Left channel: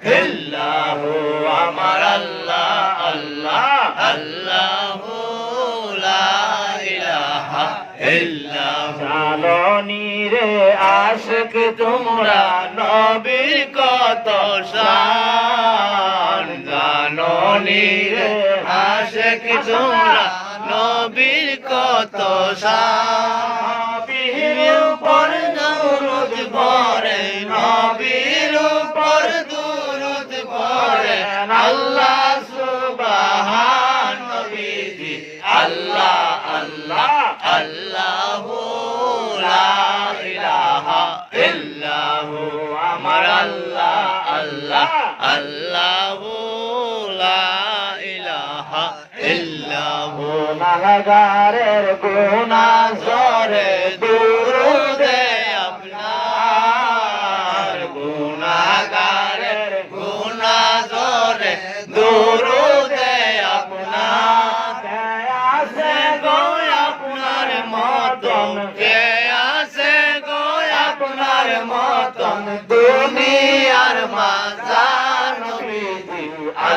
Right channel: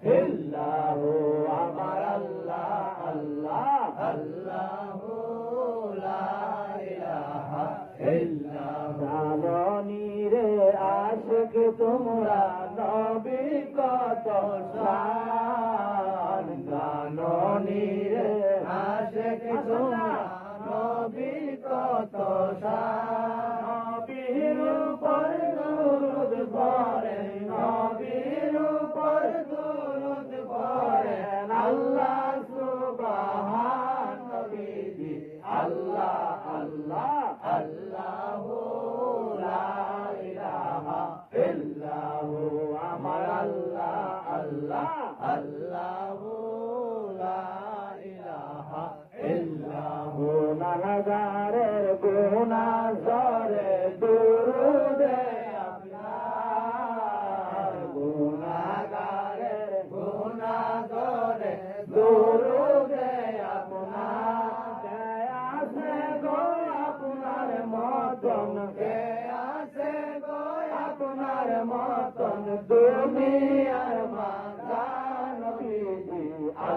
ইল্লাহু আমার আল্লাহ আল্লাহ আল্লাহু লা ইলাহা ইল্লাহু জাননি রে আশিক তোমরা নবীর কত শান জাননি রে আশিক তোমরা নবীর কত শান নবীর উপর দরুদ পড়ে নবীর উপর দরুদ পড়ে আল্লাহ সুবহান নবীজি আল্লাহ আল্লাহ আল্লাহু লা ইলাহা ইল্লাহু আমার আল্লাহ আল্লাহ আল্লাহু লা ইলাহা ইল্লাহু গুনাহগারের গুনাহ জরে দুরুদে আপনার গুনাহগারের গুনাহ জরে দুরুদে আপনার কে আছে গো আপনার মতন কে আছে গো আপনার মতন দুনিয়া